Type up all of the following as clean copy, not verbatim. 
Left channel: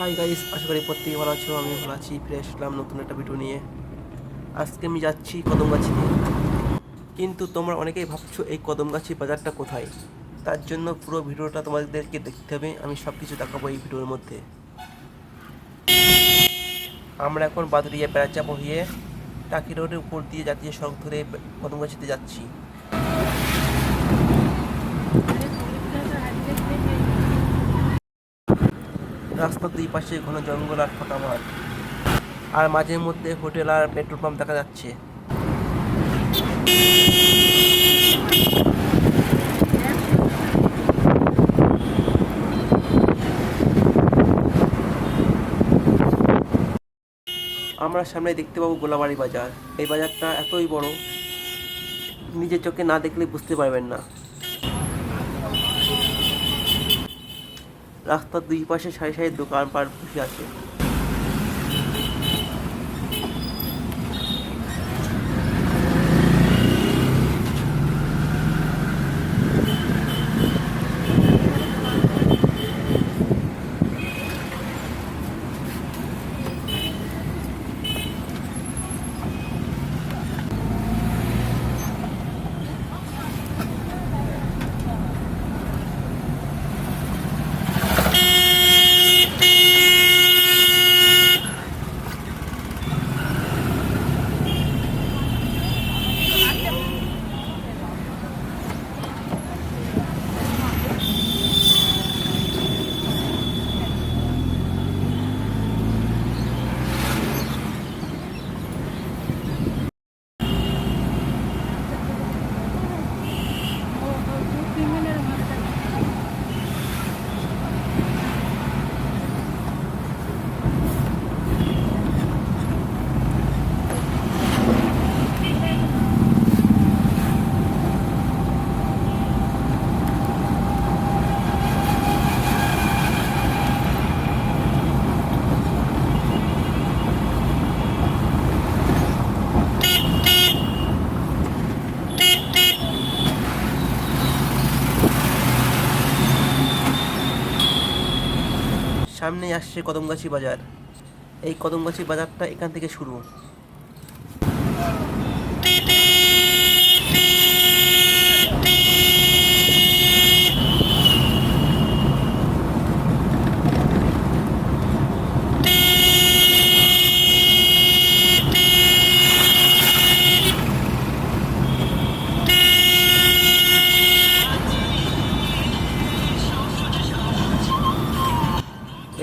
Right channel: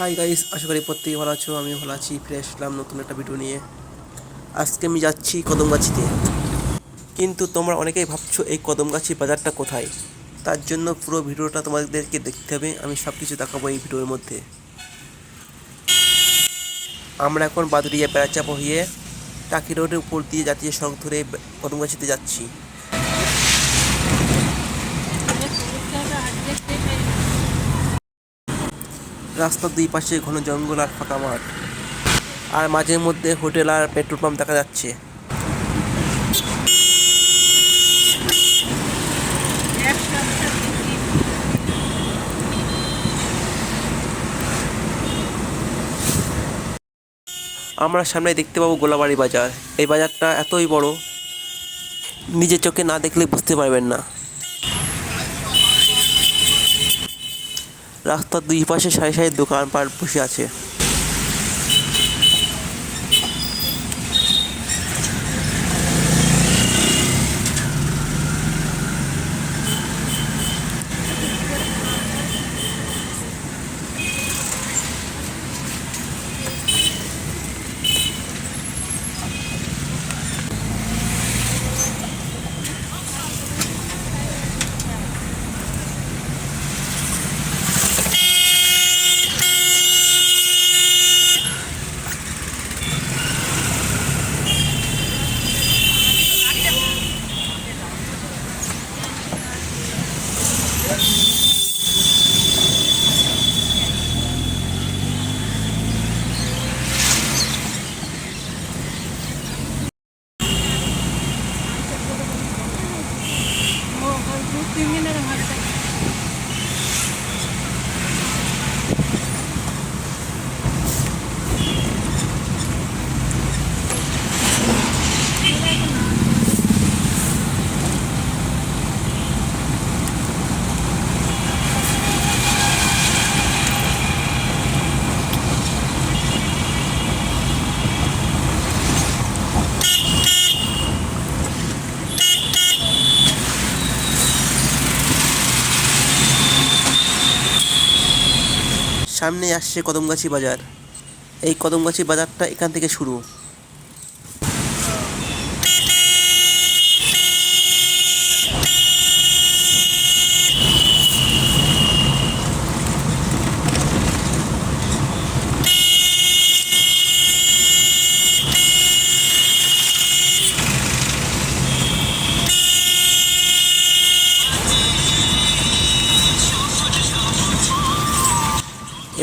Hi guys, আশা করি প্রত্যেকে ভালো আছো। আমি ভালো আছি, ফিরে আসলাম নতুন একটা ভিডিও নিয়ে। আজকে আমি যাচ্ছি কদমগাছিতে। কিন্তু তোমরা অনেকেই ভাবছো এই কদমগাছি বাজারটা কোথায়। তার জন্য পুরো ভিডিওটা তোমাদেরকে দেখতে হবে। আমি সব কিছু দেখাবো এই ভিডিওর মধ্যে। আমরা এখন বাদুড়িয়া বেড়াচাপা হয়ে টাকি রোডের উপর দিয়ে জাতীয় সড়ক ধরে কদমগাছিতে যাচ্ছি। রাস্তার দুই পাশে ঘন জঙ্গল আর ফাঁকা মাঠ, আর মাঝে মধ্যে হোটেল আর পেট্রোল পাম্প দেখা যাচ্ছে। আমরা সামনে দেখতে পাবো গোলাবাড়ি বাজার। এই বাজারটা এতই বড়, নিজের চোখে না দেখলে বুঝতে পারবেন না। রাস্তার দুই পাশে সারি সারি দোকানপাট বসে আছে। সামনে আসছে কদমগাছি বাজার। এই কদমগাছি বাজারটা এখান থেকে শুরু।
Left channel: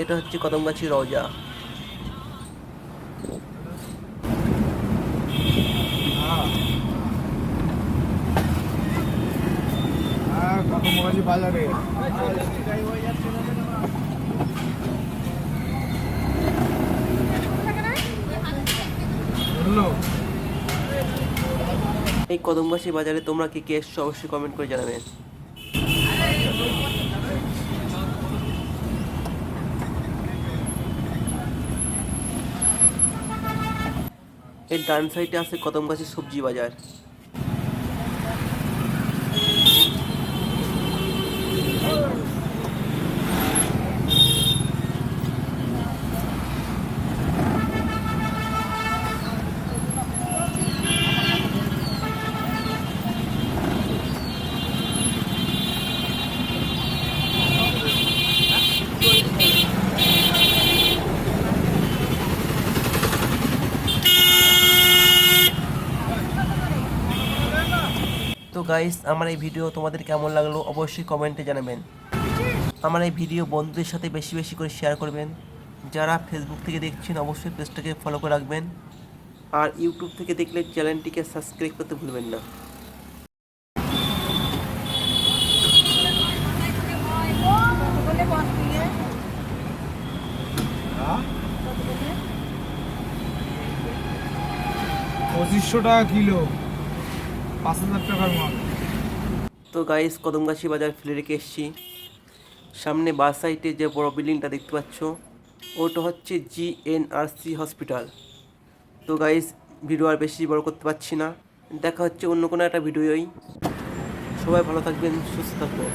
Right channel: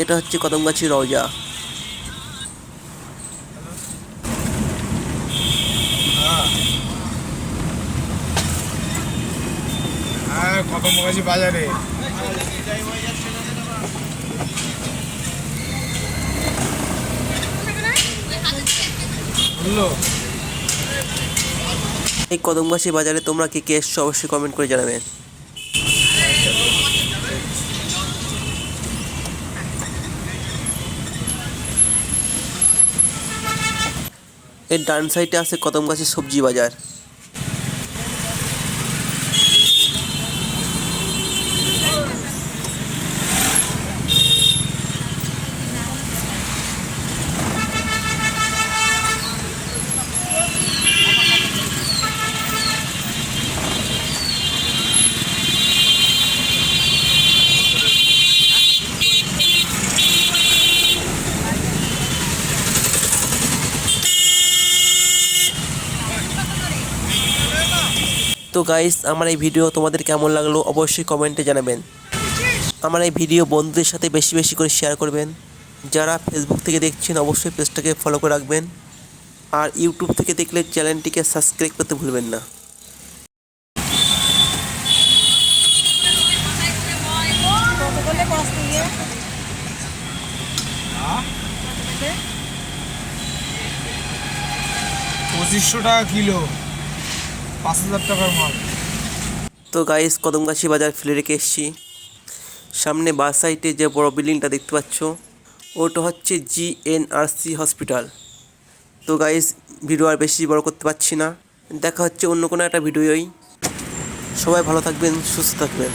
এটা হচ্ছে কদমগাছি রওজা। হ্যাঁ, কদমগাছি বাজারে বললো। এই কদমগাছি বাজারে তোমরা কে কে এসছো অবশ্যই কমেন্ট করে জানাবেন। এর ডান সাইডে আছে কদমগাছি সবজি বাজার। তো গাইস, আমার এই ভিডিও তোমাদের কেমন লাগলো অবশ্যই কমেন্টে জানাবেন। আমার এই ভিডিও বন্ধুদের সাথে বেশি বেশি করে শেয়ার করবেন। যারা ফেসবুক থেকে দেখছেন অবশ্যই পেজটাকে ফলো করে রাখবেন। আর ইউটিউব থেকে দেখলে চ্যানেলটিকে সাবস্ক্রাইব করতে ভুলবেন না। $2500 কিলো, 5000 টাকার মাল। তো গাইস, কদমগাছি বাজার ফেলে রেখে এসেছি। সামনে বাস সাইডে যে বড় বিল্ডিংটা দেখতে পাচ্ছ, ওটা হচ্ছে জিএনআরসি হসপিটাল। তো গাইস, ভিডিও আর বেশি বড় করতে পারছি না। দেখা হচ্ছে অন্য কোনো একটা ভিডিওই। সবাই ভালো থাকবেন, সুস্থ থাকবেন।